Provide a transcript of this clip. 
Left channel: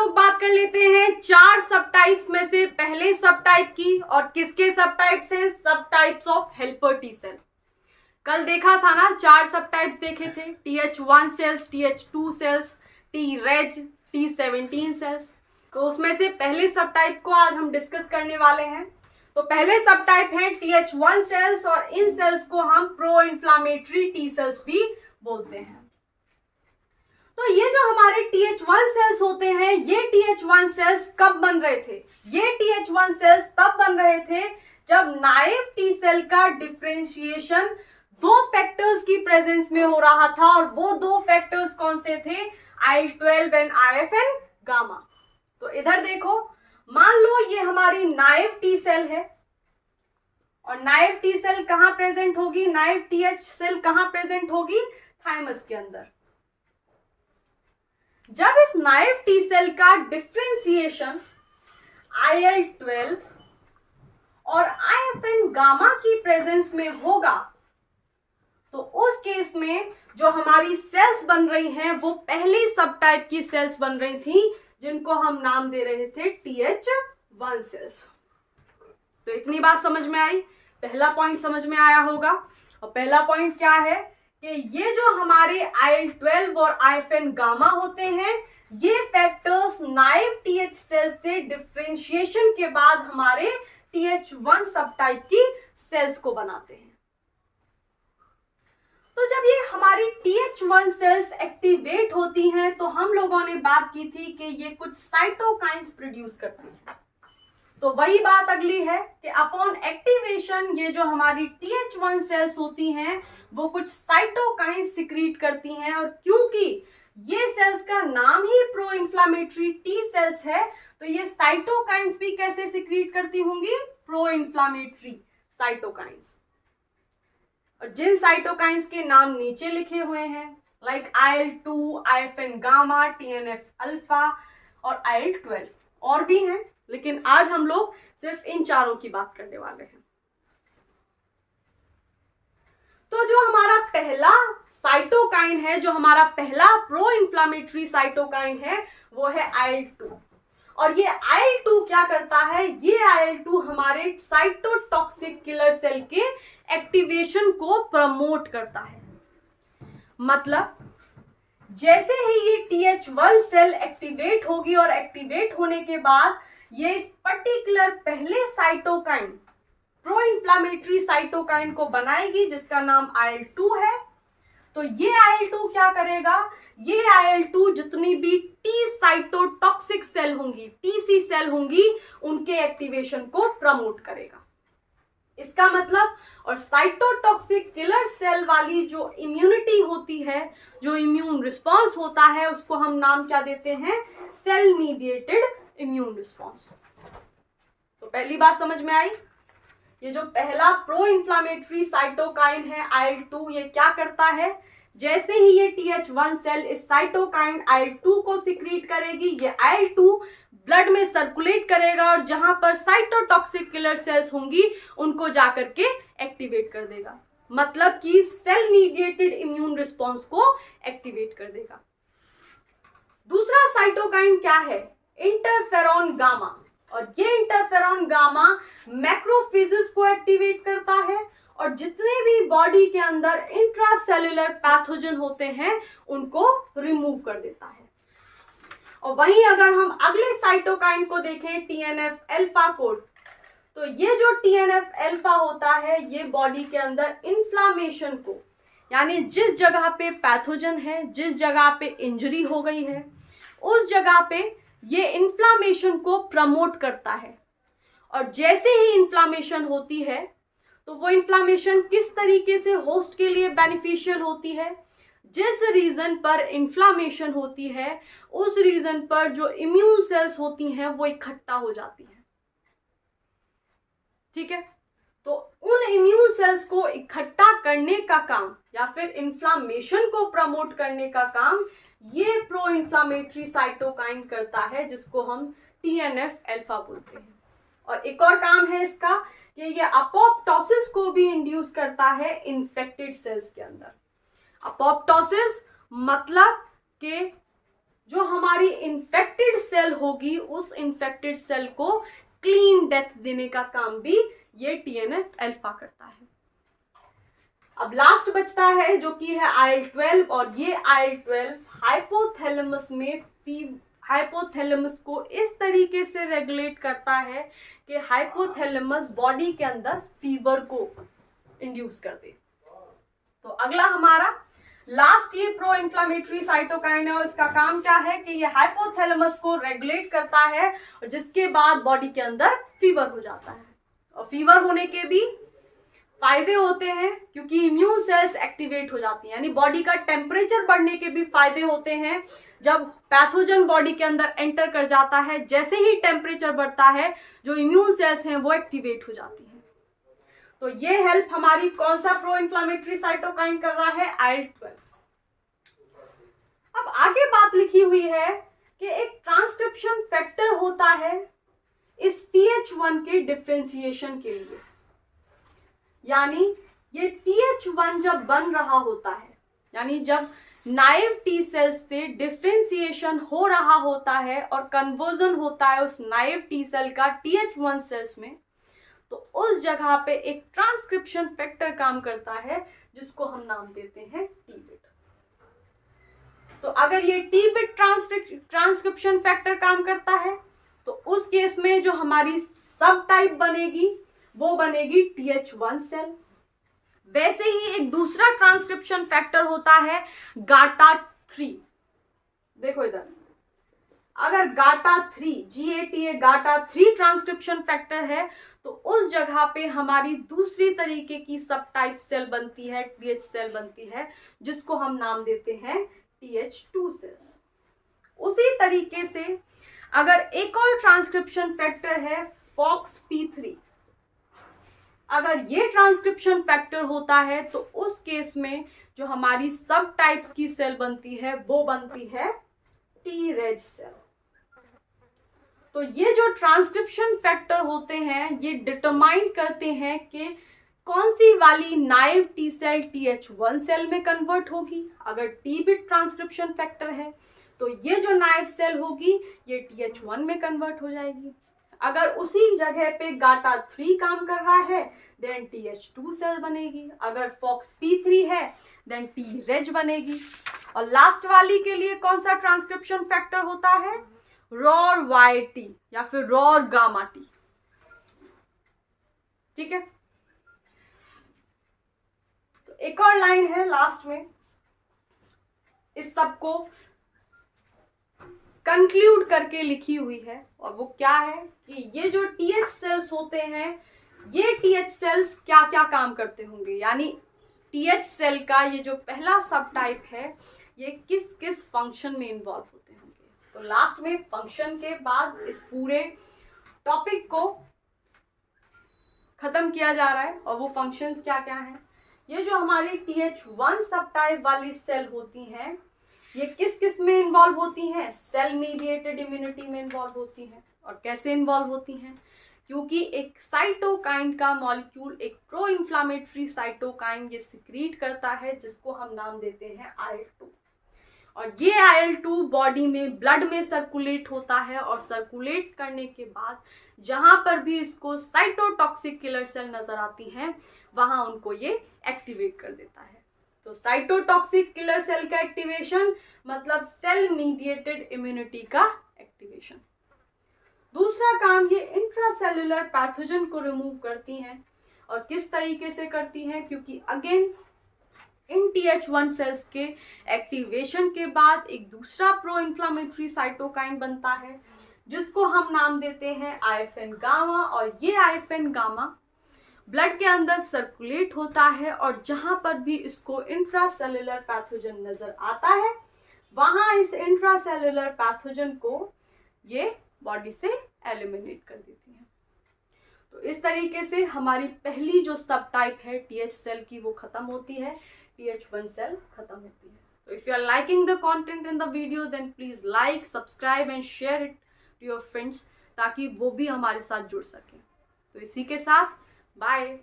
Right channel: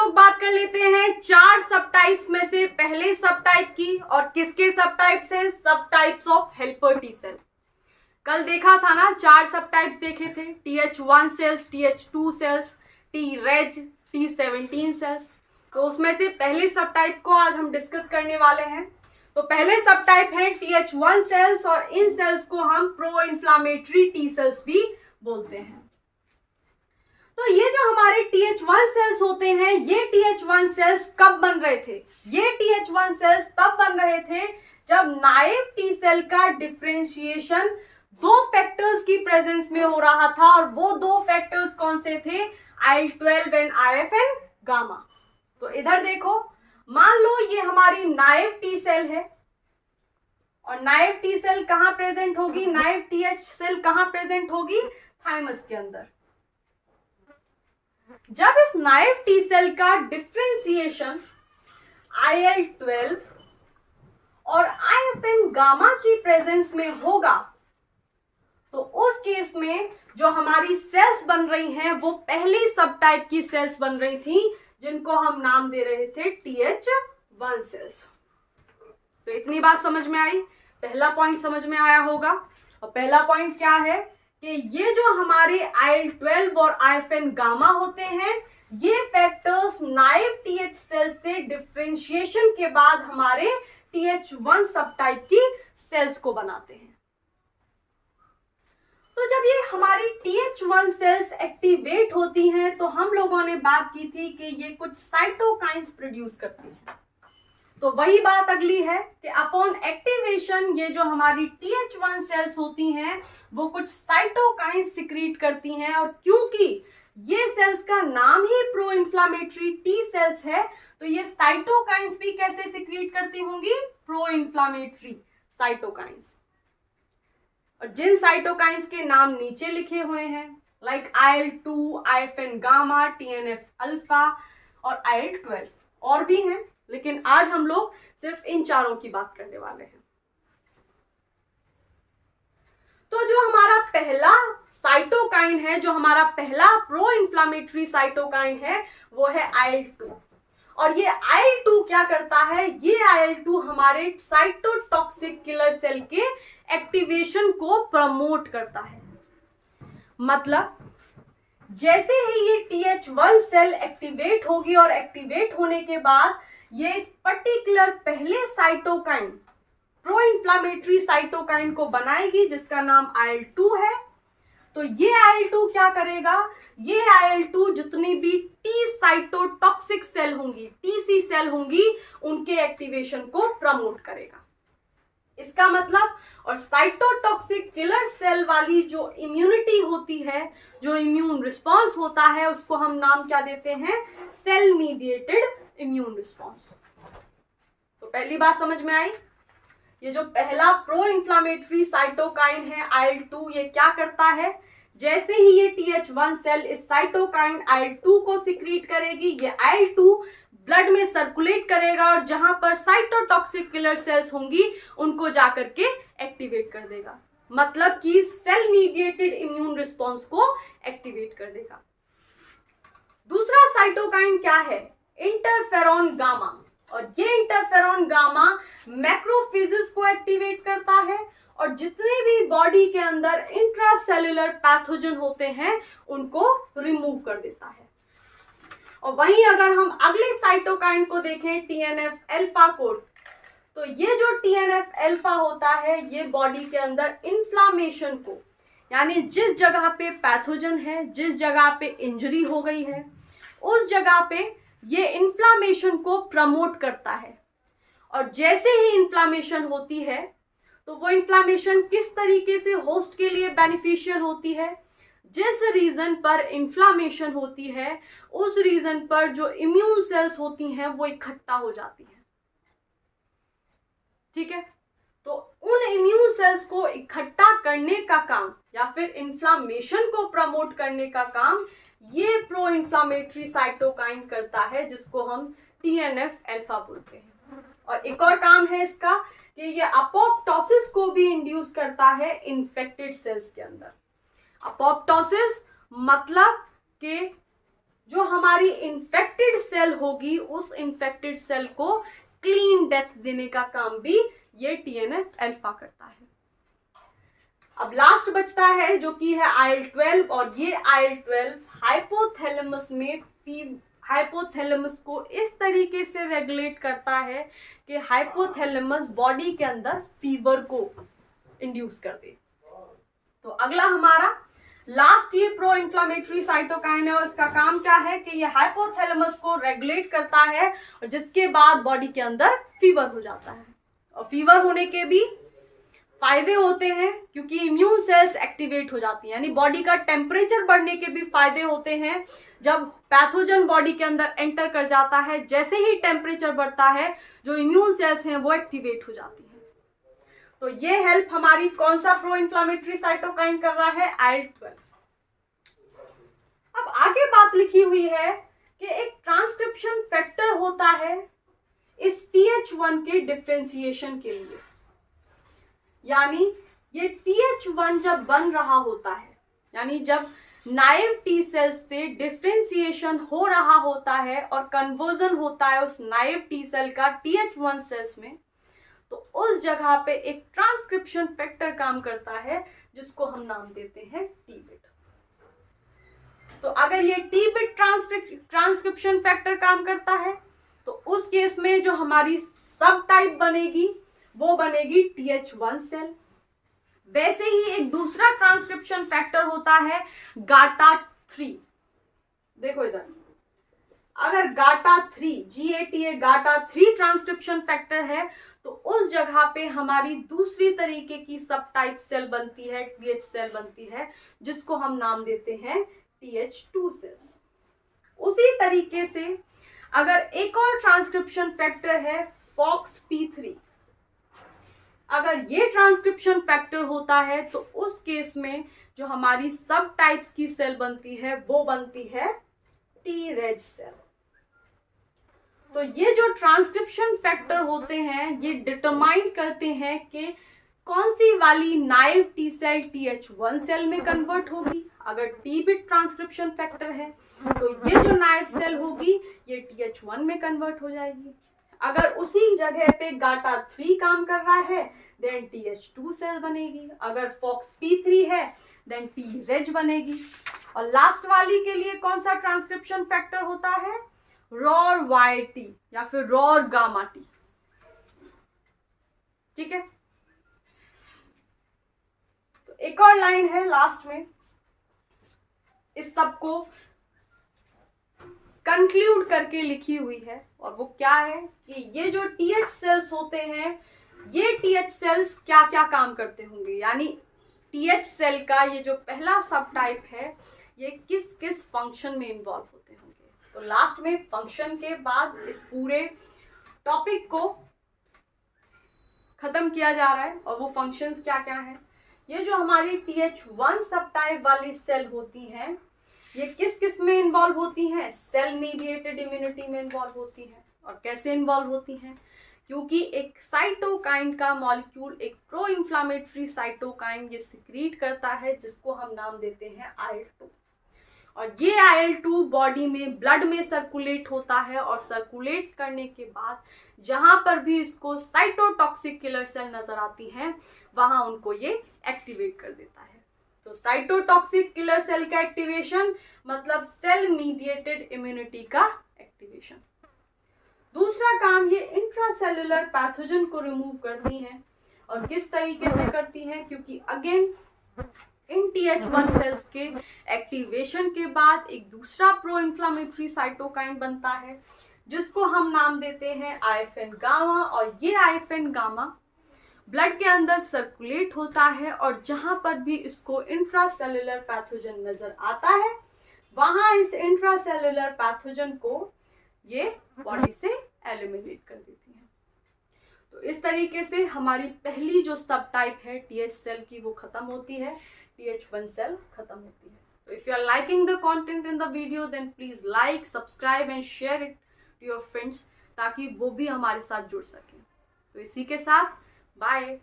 लोग बात कर लेते हैं 4 सब टाइप्स में से पहले सब टाइप की। और किसके सब टाइप्स हैं? सब types of helper T cell. कल देखा था ना, 4 सब टाइप्स देखे थे, TH1 sales, TH2 sales, Treg, T17 sales. तो उसमें से पहले सब टाइप को आज हम डिस्कस करने वाले हैं। तो पहले सब टाइप है TH1 सेल्स, और इन सेल्स को हम प्रो इन्फ्लामेटरी टी सेल्स भी बोलते हैं। तो ये जो हमारे TH1 सेल्स होते हैं, ये TH1 सेल्स कब बन रहे थे? ये TH1 सेल्स तब बन रहे थे जब नाइव टी सेल का डिफरेंशिएशन 2 फैक्टर्स की प्रेजेंस में हो रहा था। और वो 2 फैक्टर्स कौन से थे? IL-12 and IFN gamma. तो इधर देखो, मान लो ये हमारी नाइव टी सेल है, और नाइव टी सेल कहां प्रेजेंट होगी? नाइव TH सेल कहां प्रेजेंट होगी? थाइमस के अंदर। जब इस नाइव टी सेल का डिफरेंशिएशन IL-12 और IFN गामा की प्रेजेंस में होगा, तो उस केस में जो हमारी सेल्स बन रही हैं वो पहली सब टाइप की सेल्स बन रही थी, जिनको हम नाम दे रहे थे TH1 सेल्स। तो इतनी बात समझ में आई? पहला पॉइंट समझ में आया होगा। और पहला पॉइंट क्या है कि ये जो हमारे IL-12 और IFN गामा होते हैं, ये फैक्टर्स नाइव TH सेल्स से डिफरेंशिएशन के बाद हमारे TH1 सब टाइप की सेल्स को बनाते हैं। तो जब ये हमारी TH1 सेल्स एक्टिवेट होती हैं, तो हम लोगों ने बात की थी कि ये कुछ साइटोकाइंस प्रोड्यूस करती हैं। तो वही बात अगली है कि अपॉन एक्टिवेशन ये जो हमारी TH1 सेल्स होती हैं, वो कुछ साइटोकाइंस सिक्रीट करती हैं। और क्योंकि ये सेल्स का नाम ही प्रो इन्फ्लामेटरी टी सेल्स है, तो ये साइटोकाइंस भी कैसे सिक्रीट करती होंगी? Pro inflammatory cytokines. और जिन साइटोकाइंस के नाम नीचे लिखे हुए हैं, like IL-2, IFN gamma, TNF alpha और IL-12, और भी हैं, लेकिन आज हम लोग सिर्फ इन चारों की बात करने वाले हैं। तो जो हमारा पहला साइटोकाइन है, जो हमारा पहला प्रो इन्फ्लामेटरी साइटोकाइन है, वो है IL-2। और ये IL-2 क्या करता है? ये IL-2 हमारे साइटोटॉक्सिक किलर सेल के एक्टिवेशन को प्रमोट करता है। मतलब जैसे ही ये TH1 सेल एक्टिवेट होगी, और एक्टिवेट होने के बाद ये इस पर्टिकुलर पहले साइटोकाइन, प्रो इन्फ्लामेटरी साइटोकाइन को बनाएगी, जिसका नाम IL-2 है। तो ये IL-2 क्या करेगा? ये IL-2 जितनी भी टी साइटोटॉक्सिक सेल होंगी, TC सेल होंगी, उनके एक्टिवेशन को प्रमोट करेगा। इसका मतलब, और साइटोटॉक्सिक किलर सेल वाली जो इम्यूनिटी होती है, जो इम्यून रिस्पॉन्स होता है, उसको हम नाम क्या देते हैं? Cell mediated immune response. तो पहली बात समझ में आई? ये जो पहला प्रो इन्फ्लामेटरी साइटोकाइन है IL-2, ये क्या करता है? जैसे ही ये TH1 सेल इस साइटोकाइन IL-2 को सिक्रीट करेगी, ये IL-2 ब्लड में सर्कुलेट करेगा, और जहां पर साइटोटॉक्सिक किलर सेल्स होंगी, उनको जाकर के एक्टिवेट कर देगा। मतलब कि सेल मीडिएटेड इम्यून रिस्पॉन्स को एक्टिवेट कर देगा। दूसरा साइटोकाइन क्या है? Interferon gamma. और ये इंटरफेरॉन गामा मैक्रोफेजेस को एक्टिवेट करता है, और जितने भी बॉडी के अंदर इंट्रासेल्युलर पैथोजन होते हैं, उनको रिमूव कर देता है। और वहीं अगर हम अगले साइटोकाइन को देखें, TNF अल्फा को, तो ये जो TNF अल्फा होता है, ये बॉडी के अंदर इन्फ्लामेशन को, यानी जिस जगह पे पैथोजन है, जिस जगह पे इंजरी हो गई है, उस जगह पे ये इन्फ्लामेशन को प्रमोट करता है। और जैसे ही इन्फ्लामेशन होती है, तो वो इन्फ्लामेशन किस तरीके से होस्ट के लिए बेनिफिशियल होती है? जिस रीजन पर इन्फ्लामेशन होती है, उस रीजन पर जो इम्यून सेल्स होती हैं, वो इकट्ठा हो जाती हैं। ठीक है? तो उन इम्यून सेल्स को इकट्ठा करने का काम, या फिर इन्फ्लामेशन को प्रमोट करने का काम, ये प्रो इन्फ्लामेटरी साइटोकाइन करता है, जिसको हम TNF अल्फा बोलते हैं। और एक और काम है इसका कि ये अपोप्टोसिस को भी इंड्यूस करता है इन्फेक्टेड सेल्स के अंदर। अपोप्टोसिस मतलब कि जो हमारी इन्फेक्टेड सेल होगी उस इन्फेक्टेड सेल को क्लीन डेथ देने का काम भी ये TNF अल्फा करता है। अब लास्ट बचता है जो कि है IL-12, और ये IL-12 हाइपोथैलेमस को इस तरीके से रेगुलेट करता है कि हाइपोथैलेमस बॉडी के अंदर फीवर को इंड्यूस कर दे। तो अगला हमारा लास्ट ये प्रो इन्फ्लामेटरी साइटोकाइन है, और इसका काम क्या है कि ये हाइपोथैलेमस को रेगुलेट करता है, और जिसके बाद बॉडी के अंदर फीवर हो जाता है। और फीवर होने के भी फायदे होते हैं क्योंकि इम्यून सेल्स एक्टिवेट हो जाती हैं, यानी बॉडी का टेम्परेचर बढ़ने के भी फायदे होते हैं। जब पैथोजन बॉडी के अंदर एंटर कर जाता है, जैसे ही टेम्परेचर बढ़ता है, जो इम्यून सेल्स हैं वो एक्टिवेट हो जाती हैं। तो ये हेल्प हमारी कौन सा प्रो इन्फ्लामेटरी साइटोकाइन कर रहा है? IL-12। अब आगे बात लिखी हुई है कि एक ट्रांसक्रिप्शन फैक्टर होता है इस TH1 के डिफरेंशिएशन के लिए, यानी ये TH1 जब बन रहा होता है, यानी जब नाइव टी सेल्स से डिफरेंशिएशन हो रहा होता है और कन्वर्जन होता है उस नाइव टी सेल का TH1 सेल्स में, तो उस जगह पे एक ट्रांसक्रिप्शन फैक्टर काम करता है जिसको हम नाम देते हैं T-bit। तो अगर ये T-bit ट्रांसक्रिप्शन फैक्टर काम करता है तो उस केस में जो हमारी सब टाइप बनेगी वो बनेगी TH1 सेल। वैसे ही एक दूसरा ट्रांसक्रिप्शन फैक्टर होता है GATA3। देखो इधर, अगर GATA3 ट्रांसक्रिप्शन फैक्टर है तो उस जगह पे हमारी दूसरी तरीके की सब टाइप सेल बनती है, TH सेल बनती है, जिसको हम नाम देते हैं TH2 सेल्स। उसी तरीके से अगर एक और ट्रांसक्रिप्शन फैक्टर है FOXP3, अगर ये ट्रांसक्रिप्शन फैक्टर होता है तो उस केस में जो हमारी सब टाइप्स की सेल बनती है वो बनती है Treg सेल। तो ये जो ट्रांसक्रिप्शन फैक्टर होते हैं ये डिटरमाइन करते हैं कि कौन सी वाली naive T cell TH1 cell में कन्वर्ट होगी। अगर T-bit ट्रांसक्रिप्शन फैक्टर है तो ये जो नाइव सेल होगी ये TH1 में कन्वर्ट हो जाएगी। अगर उसी जगह पे GATA3 काम कर रहा है देन TH2 सेल बनेगी। अगर FOXP3 है देन Treg बनेगी। और लास्ट वाली के लिए कौन सा ट्रांसक्रिप्शन फैक्टर होता है? ROR-Y-T या फिर ROR-gamma-T। ठीक है, तो एक और लाइन है लास्ट में इस सब को कंक्लूड करके लिखी हुई है, और वो क्या है कि ये जो TH सेल्स होते हैं ये TH सेल्स क्या क्या काम करते होंगे, यानी TH सेल का ये जो पहला सब टाइप है ये किस किस फंक्शन में इन्वॉल्व होते होंगे। तो लास्ट में फंक्शन के बाद इस पूरे टॉपिक को खत्म किया जा रहा है, और वो फंक्शंस क्या क्या हैं। ये जो हमारी TH1 सब टाइप वाली सेल होती हैं ये किस किस में इन्वॉल्व होती हैं? सेल मीडिएटेड इम्यूनिटी में इन्वॉल्व होती हैं। और कैसे इन्वॉल्व होती हैं? क्योंकि एक साइटोकाइन का मॉलिक्यूल, एक प्रो इन्फ्लामेटरी साइटोकाइन ये सिक्रीट करता है जिसको हम नाम देते हैं IL-2। और ये IL-2 बॉडी में ब्लड में सर्कुलेट होता है, और सर्कुलेट करने के बाद जहां पर भी इसको साइटोटॉक्सिक किलर सेल नजर आती हैं वहां उनको ये एक्टिवेट कर देता है। तो साइटोटॉक्सिक किलर सेल का एक्टिवेशन मतलब सेल मीडिएटेड इम्यूनिटी का एक्टिवेशन। दूसरा काम ये इंट्रासेल्युलर पैथोजन को रिमूव करती हैं, और किस तरीके से करती हैं? क्योंकि अगेन इन TH1 सेल्स के एक्टिवेशन के बाद एक दूसरा प्रो इन्फ्लामेटरी साइटोकाइन बनता है जिसको हम नाम देते हैं IFN गामा, और ये IFN गामा ब्लड के अंदर सर्कुलेट होता है, और जहां पर भी इसको इंट्रासेल्युलर पैथोजन नजर आता है वहां इस इंट्रासेल्युलर पैथोजन को ये बॉडी से एलिमिनेट कर देती है। तो इस तरीके से हमारी पहली जो सब टाइप है TH सेल की वो खत्म होती है, TH1 सेल खत्म होती है। तो if you are liking the content in the video then please like, subscribe and share it to your friends ताकि वो भी हमारे साथ जुड़ सकें। तो इसी के साथ बाय।